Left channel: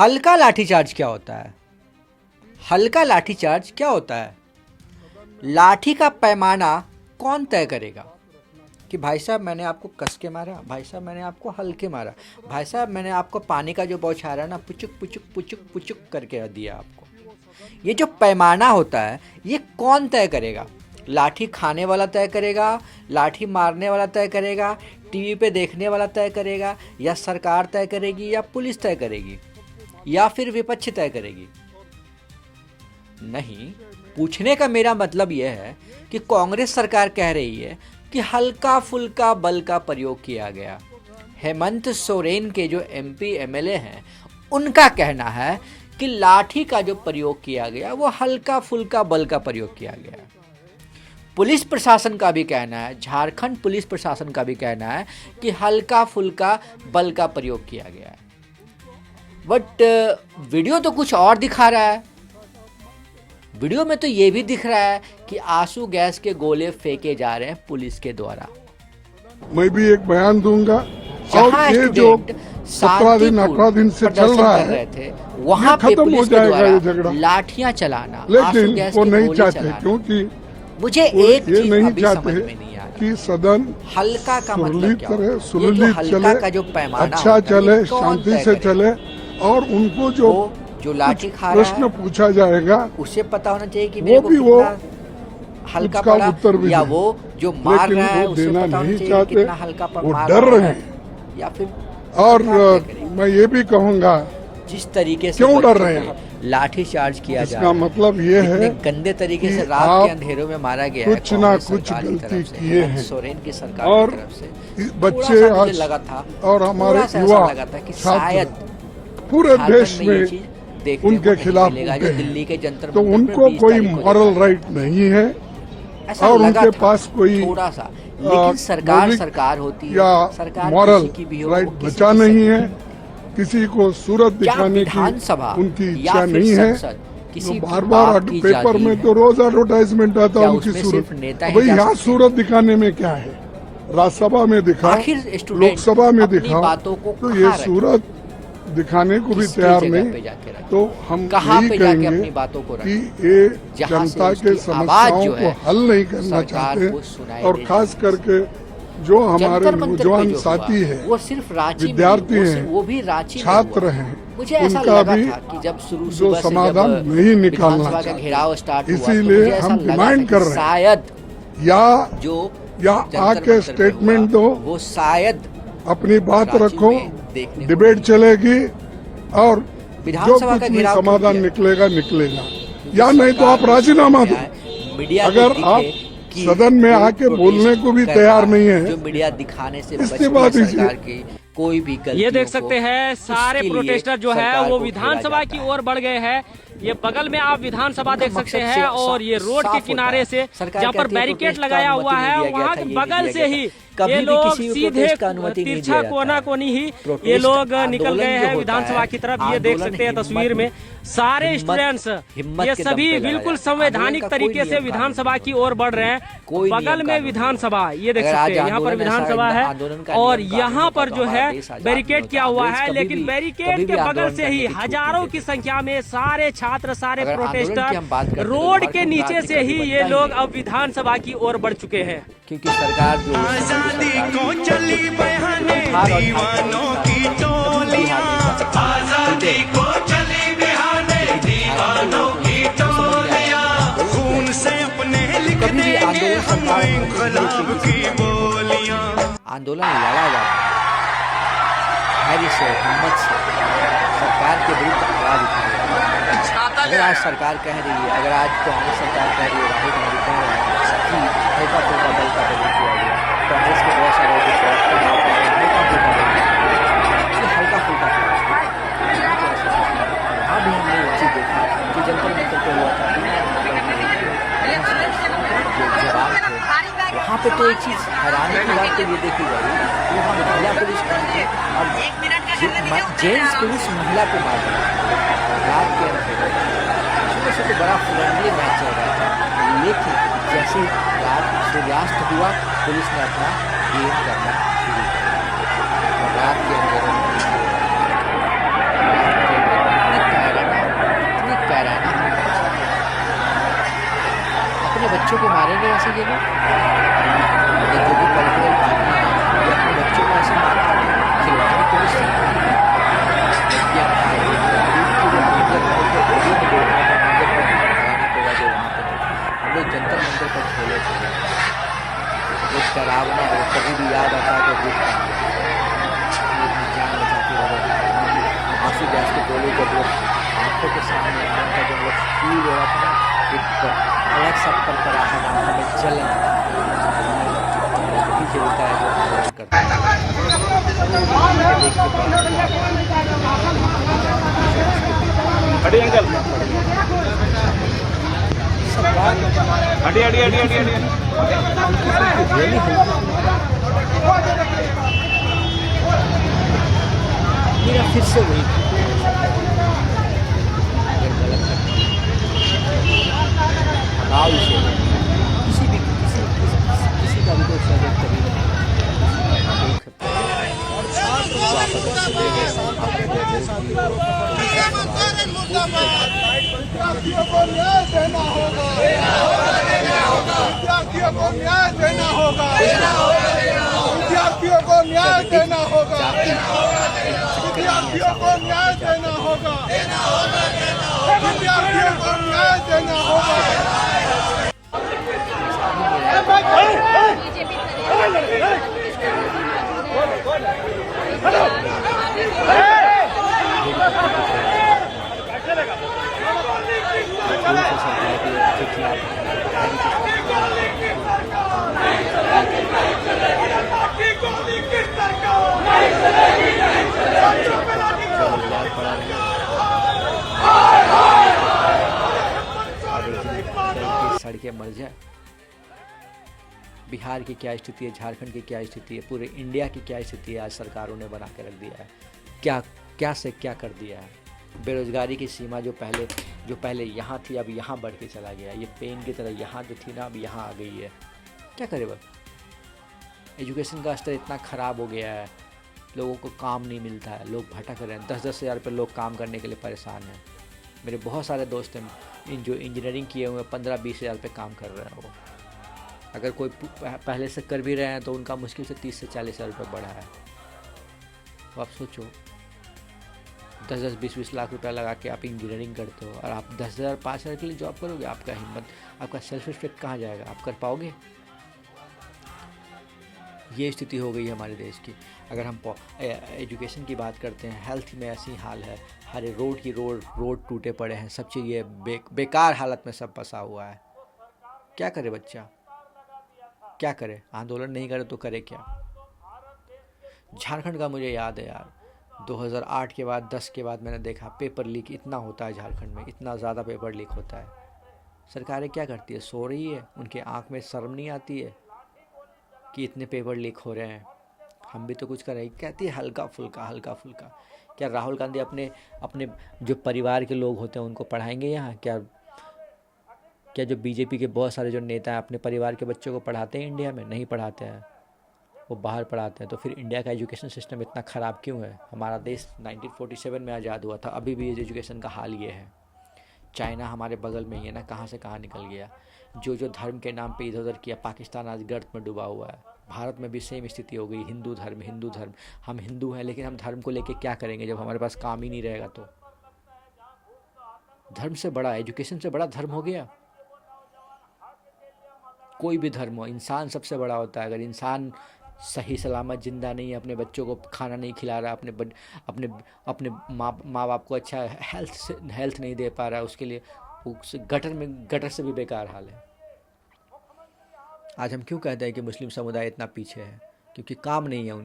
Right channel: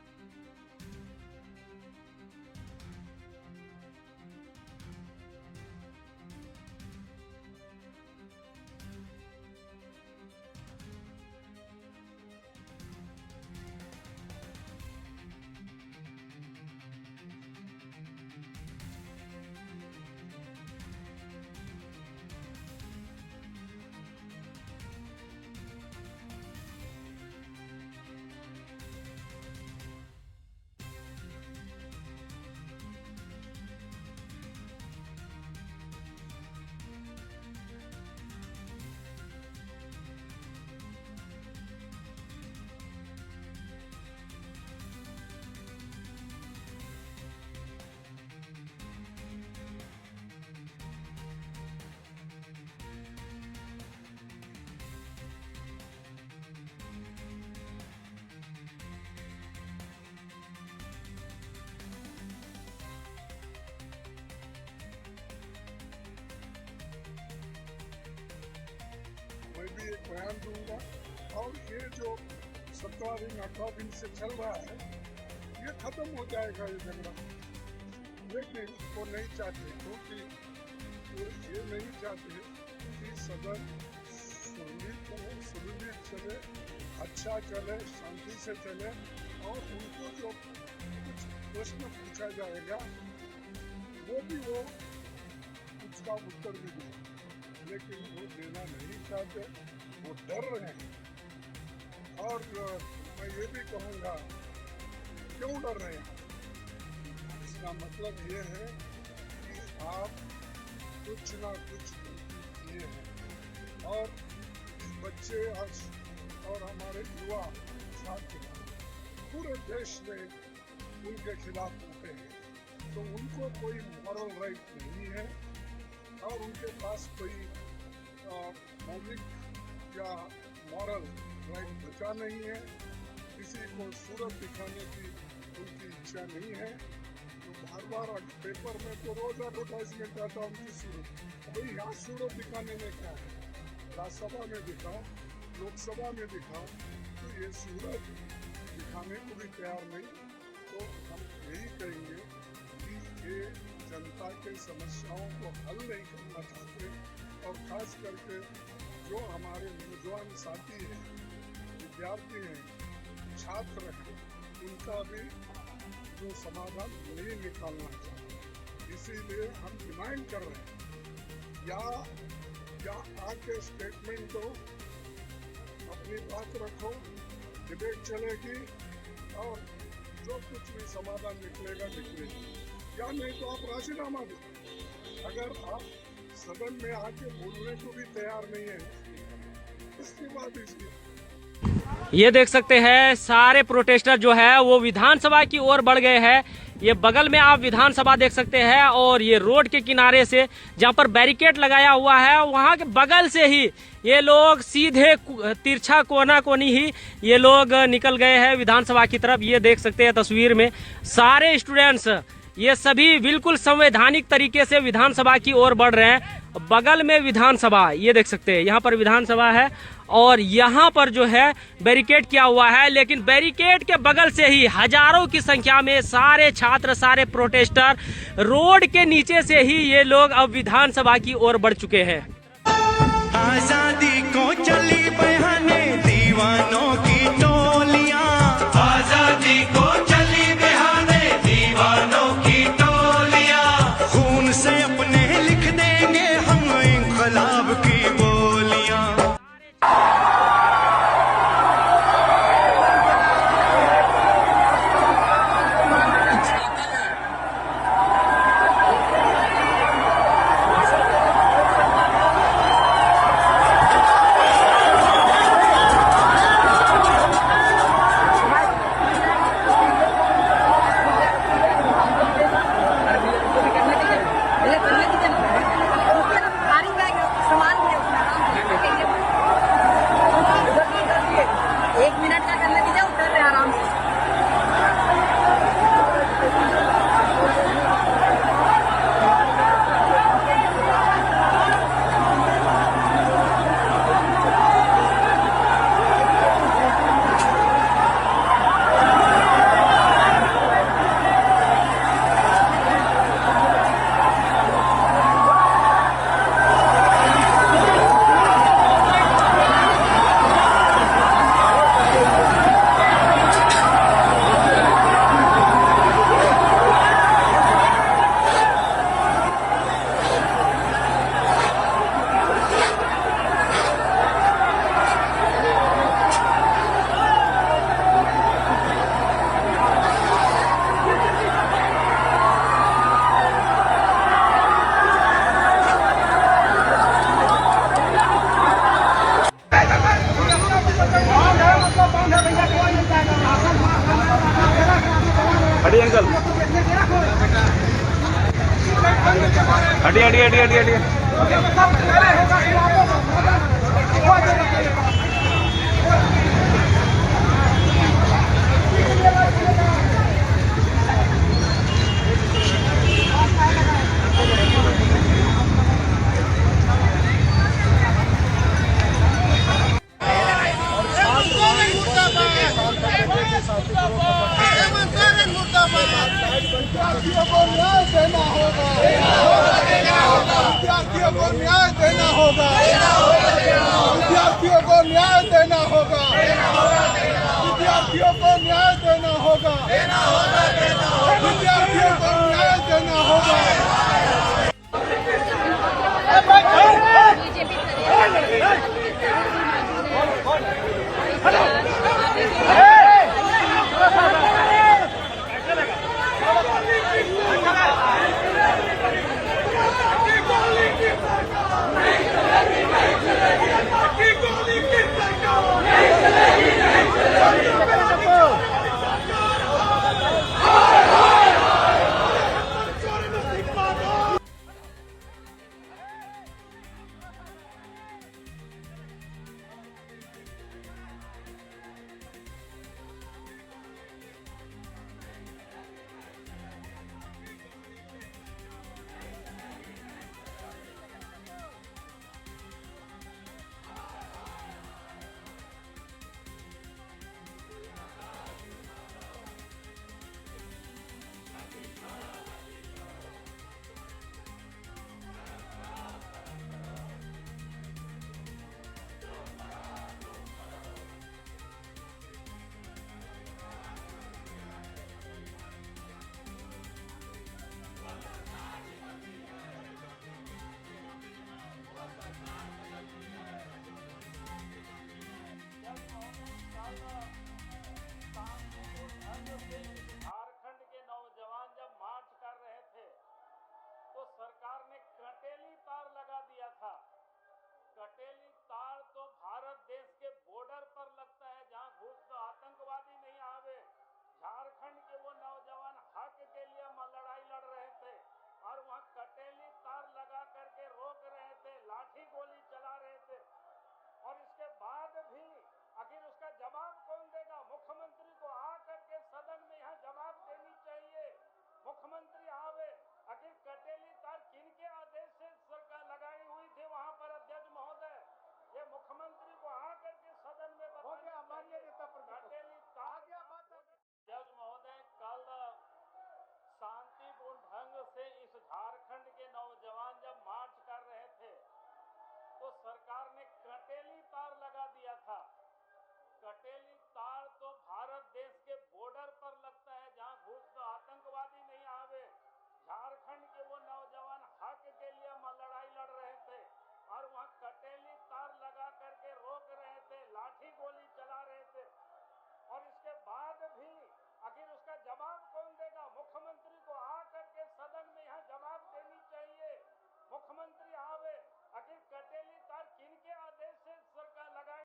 हल्का लाठीचार्ज क्या होता है? हल्का लाठीचार्ज क्या होता है? लाठी का पैमाना कौन तय करेगा कि भाई साहब मैंने आपको कस के मारा, भाई साहब मैंने आपको हल्के मारा, भाई साहब मैंने आपको पानी का जो बौछार है ना पुचुक पुचुक पुचुक पुचुक करके दिया आपको। ये जो पैमाना होता है ये कौन तय करेगा? लाठी खाने वाला तय करेगा, लाठी मारने वाला तय करेगा, टीवी पे देखने वाला तय करेगा, या सरकार तय करेगी, या पुलिस तय करेगी, या फिर विपक्ष तय करेगी? नहीं, पूछने का मेरा मतलब यह है कि कांग्रेस सरकार कह रही है कि हल्का फुल्का बल का प्रयोग किया गया। हेमंत सोरेन के जो एमपी एमएलए हैं उनका कहना है कि लाठी का जो प्रयोग किया गया वो हल्का फुल्का बल का प्रयोग किया गया। पुलिस प्रशासन का भी कहना है, झारखंड पुलिस प्रशासन का भी कहना है कि हल्का फुल्का बल का प्रयोग किया गया है। बट वीडियो तो कुछ और दिखा रहा है। वीडियो में तो ये भी दिख रहा है कि आंसू गैस के गोले फेंके जा रहे हैं पुलिस के द्वारा। मैं भी एक बयान दूंगा और ये जो 17 दिन 18 दिन से चल रहा है वहाँ पे खत्म हो जाएगा ये झगड़ा। लाठियां चलाना, लेकिन वो नहीं चाहते क्योंकि मुझे एक ये चीज नहीं अभी समझ चाहते में नहीं आ रहा कि सदन हल्का का मतलब क्या होता है? सुललित हल्का का जो चले, पैमाना अच्छा होता है, चले, ये कौन शांति तय से करेगा? चले और उनको जो जो लाठी खा रहा प्रश्न है पूछा जाएगा उसे पता होना चाहिए कि वो मेरे को भी वो कितना हल्का उसका पड़ा, उत्तर भी या दे। वो जो मार लेकिन रहा है वो उसे देना पता होना नहीं चाहिए चाहते, कितना हल्का वो मार डर रहा रहे है, हैं। या फिर और सरकार तय करेगी। मैं ये भी कहूँगा जिस तरीके से क्यों डर बच्चों रहे को हैं? लाठी चार्ज किया जा इसका रहा है, मतलब ये इतने है गंदे तरीके कि से रात आप के अंधेरों में मारा गया है कुछ ना कांग्रेस कुछ सरकार की गलती तरफ से, किए हेमंत हैं। सोरेन की सरकार और की तरफ से बच्चे थोड़ा सा मुझे आज लगा था, और हमारे थोड़ा सा ऐसा युवा लगा था कि छात्र शायद पूरे झारखंड देश में ये में चीज देखने उनके को नहीं खिलाफ मिलेगा उठे जो हैं। दिल्ली के जंतर तो मंतर पे उनको 20 कोई तारीख को मॉरल देखा राइट नहीं है ऐसा और लगा उनके था, पास कोई थोड़ा सा। लेकिन सरकार मौलिक सरकार होती है, या सरकार मॉरल किसी की भी हो, राइट वो किसी बचा की नहीं सकती है। किसी को सूरत क्या दिखाने विधानसभा की उनकी या इच्छा फिर नहीं है। संसद किसी तो भी बार बाप बार की पेपर जागीर में है? तो रोज एडवर्टाइजमेंट आता क्या है उनकी उसमें सूरत। सिर्फ नेता ही भाई जा यहाँ सकते हैं? सूरत दिखाने में क्या है? राज्यसभा में दिखा, आखिर स्टूडेंट लोकसभा में अपनी दिखाओ, बातों को तो कहाँ ये रखें? सूरत दिखाने को भी किसकी तैयार जगह नहीं। पे जाके रखें? तो हम कहाँ यही पे जाके कहेंगे अपनी बातों को कि रखें? ये जहाँ से जनता के उसकी आवाज समस्याओं जो को है हल नहीं करना सरकार चाहते को सुनाई और देनी खास चाहिए। करके जो हमारे जंतर मंतर पे नौजवान जो साथी हुआ, है, वो सिर्फ रांची में विद्यार्थी नहीं, हैं, वो भी रांची में छात्र हुआ। हैं, मुझे ऐसा उनका लगा भी था कि जब शुरू जो सुबह से समाधान जब नहीं निकालना विधानसभा का चाहते, घेराव स्टार्ट हुआ तो इसीलिए मुझे ऐसा हम लगा था डिमांड कर कि रहे हैं शायद या जो जंतर आके मंतर पे स्टेटमेंट हुआ, दो, वो शायद अपनी बात रांची रखो, में देखने को डिबेट नहीं चलेगी और जो विधानसभा कुछ का भी घेराव क्यों समाधान किया? निकलेगा निकलेगा, क्योंकि या नहीं तो सरकार आप राजीनामा दो। मीडिया को अगर दिखे आप कि सदन में कोई आके प्रोटेस्ट बोलने को भी कर तैयार रहा नहीं है, जो मीडिया दिखाने से इसके बचती बाद है इसे- सरकार की कोई भी गलतियों ये देख को, सकते हैं सारे उसके लिए प्रोटेस्टर जो है सरकार वो को विधानसभा घेरा की जाता है। ओर बढ़ गए हैं। ये बगल में आप विधानसभा देख सकते मकसद हैं से और ये रोड के साफ किनारे होता से है। सरकार जहाँ पर कहती है बैरिकेड प्रोटेस्ट का लगाया अनुमति हुआ नहीं है दिया गया वहाँ था, के ये बगल नहीं से दिया ही गया। कभी ये भी लोग किसी भी सीधे प्रोटेस्ट का अनुमति नहीं तिरछा दिया जाता कोना है। कोनी ही ये प्रोटेस्ट लोग निकल आंदोलन गए जो हैं होता विधानसभा है, की तरफ। ये देख आंदोलन सकते हैं तस्वीर में सारे हिम्मत- स्टूडेंट्स हिम्मत ये के दम सभी पे लड़ा बिल्कुल जाता है। संवैधानिक आंदोलन का कोई तरीके से नियम विधानसभा की ओर बढ़ रहे हैं। कोई बगल नियम में कानून विधानसभा ये देख अगर सकते हैं आज यहाँ पर आंदोलन विधानसभा ऐसा है आंदोलन का और नियम यहाँ कानून पर का जो तो है आदेश आ जाता बैरिकेड है। किया हुआ आदेश है, कभी लेकिन भी- बैरिकेड कभी के भी बगल आंदोलन से ही करने की हजारों की संख्या में सारे छात्र सारे अगर आंदोलन की प्रोटेस्टर हम बात करें तो रोड के झारखंड नीचे क्रांति से ही मंच ये बनता लोग ही अब विधानसभा की ओर बढ़ चुके हैं। क्योंकि सरकार जो है- आजादी को चली बहाने दीवानों की टोलियां, आजादी को चली बहाने दीवानों की टोलियां, खून से अपने लिख देंगे हम इंकलाब की बोलियां। आंदोलन लड़ा जाएगा धैर्य से, हिम्मत से, सरकार के दिल का आवाज। अगर आज सरकार कह रही है, अगर आज कांग्रेस सरकार कह रही है, राहुल गांधी कह रहे हैं, सच्ची हल्का फुल्का बल का प्रयोग किया गया। कांग्रेस की बहुत यहाँ पे तो एक चीज जेंट्स पुलिस महिला पे रात के सबसे बड़ा फ्रेंडली मैच है, लेकिन जैसे रात सूर्यास्त हुआ पुलिस ने अपना गेम कर दिया। रात के अड़ी अंकल अड़ी अड़ी अड़ी अड़ी अड़ी विद्यार्थियों को न्याय देना होगा, विद्यार्थियों को न्याय देना होगा, विद्यार्थियों को न्याय देना होगा, विद्यार्थियों को न्याय देना होगा, विद्यार्थियों को न्याय देना होगा। सड़कें मर जाए। बिहार की क्या स्थिति है, झारखंड की क्या स्थिति है, पूरे इंडिया की क्या स्थिति है, आज सरकारों ने बना कर रख दिया है। क्या से क्या कर दिया है। बेरोजगारी की सीमा जो पहले यहाँ थी अब यहाँ बढ़ के चला गया। ये पेन की तरह यहाँ जो थी ना अब यहाँ आ गई है। क्या करे बस। एजुकेशन का स्तर इतना ख़राब हो गया है, लोगों को काम नहीं मिलता है, लोग भटक रहे हैं। 10-10 हज़ार रुपये लोग काम करने के लिए परेशान हैं। मेरे बहुत सारे दोस्त हैं जो इंजीनियरिंग किए हुए 15-20 हज़ार रुपये काम कर रहे हैं। वो अगर कोई पहले से कर भी रहे हैं तो उनका मुश्किल से 30 से 40 हज़ार रुपये बढ़ा है। तो आप सोचो 10-10, 20-20 लाख रुपया लगा के आप इंजीनियरिंग करते हो और आप 10,000, 5,000 के लिए जॉब करोगे। आपका हिम्मत, आपका सेल्फ रिस्पेक्ट कहाँ जाएगा? आप कर पाओगे? ये स्थिति हो गई है हमारे देश की। अगर हम एजुकेशन की बात करते हैं, हेल्थ में ऐसी हाल है, हर रोड टूटे पड़े हैं, सब चीज़ ये बेकार हालत में सब फंसा हुआ है। क्या करे बच्चा, क्या करे? आंदोलन नहीं करे तो करे क्या? झारखंड का मुझे याद है यार, 2008 के बाद 10 के बाद मैंने देखा पेपर लीक इतना होता है झारखंड में, इतना ज़्यादा पेपर लीक होता है। सरकारें क्या करती है? सो रही है, उनके आँख में शर्म नहीं आती है कि इतने पेपर लीक हो रहे हैं, हम भी तो कुछ कर रहे हैं। कहती है हल्का फुल्का। क्या राहुल गांधी अपने जो परिवार के लोग होते हैं उनको पढ़ाएंगे यहाँ? क्या जो बीजेपी के बहुत सारे जो नेता हैं अपने परिवार के बच्चों को पढ़ाते हैं इंडिया में? नहीं पढ़ाते हैं, वो बाहर पढ़ाते हैं। तो फिर इंडिया का एजुकेशन सिस्टम इतना ख़राब क्यों है? हमारा देश 1947 में आज़ाद हुआ था, अभी भी एजुकेशन का हाल ये है। चाइना हमारे बगल में ही है ना, कहाँ से कहाँ निकल गया। जो धर्म के नाम पे इधर उधर किया, पाकिस्तान आज गर्त में डूबा हुआ है। भारत में भी सेम स्थिति हो गई। हिंदू धर्म। हम हिंदू हैं लेकिन हम धर्म को लेके क्या करेंगे जब हमारे पास काम ही नहीं रहेगा? तो धर्म से बड़ा, एजुकेशन से बड़ा धर्म हो गया। कोई भी धर्म हो, इंसान सबसे बड़ा होता है। अगर इंसान सही सलामत जिंदा नहीं है, अपने बच्चों को खाना नहीं खिला रहा, अपने माँ बाप को अच्छा हेल्थ नहीं दे पा रहा, उसके लिए गटर से भी बेकार हाल है। आज हम क्यों कहते हैं कि मुस्लिम समुदाय इतना पीछे है? क्योंकि काम नहीं है।